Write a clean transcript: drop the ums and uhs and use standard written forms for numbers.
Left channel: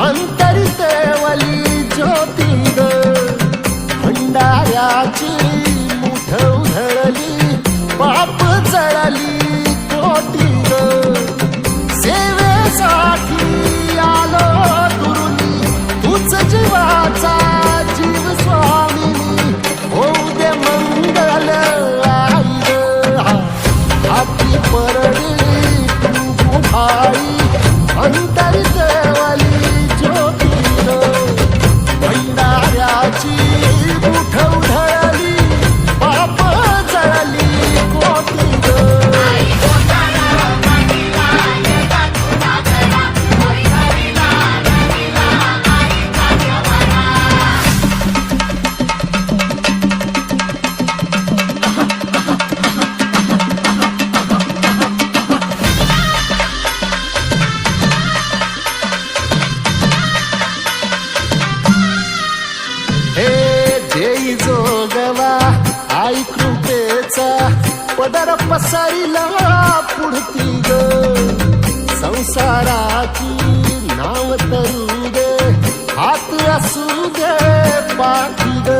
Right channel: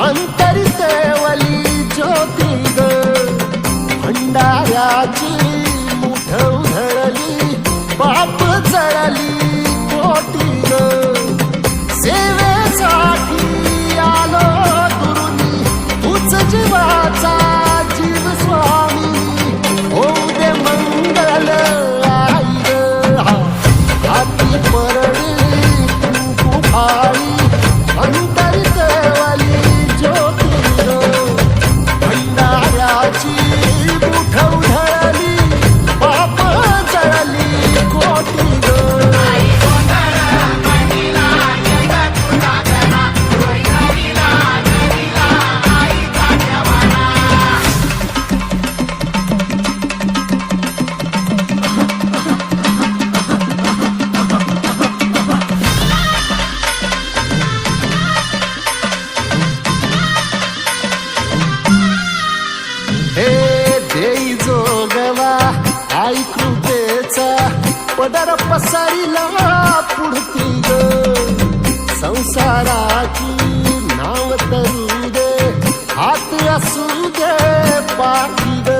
अंतरी तेवली ज्योती ग भंडाऱ्याची मुठ उधळली पाप जळली कोटी ग सेवेसाठी आलो दुरुनी तूच जीवाचा जीव स्वामिनी होऊ दे मंगल आई ग हाती परडी तू भाई अंतरी तेवली ज्योती ग भंडाऱ्याची मुठ उधळली पाप जळली कोटी ग हे देई जोगवा आई कृपेचा पदर पसरिला पुढती ग संसाराची नाव तरू दे हात असू दे पाठी ग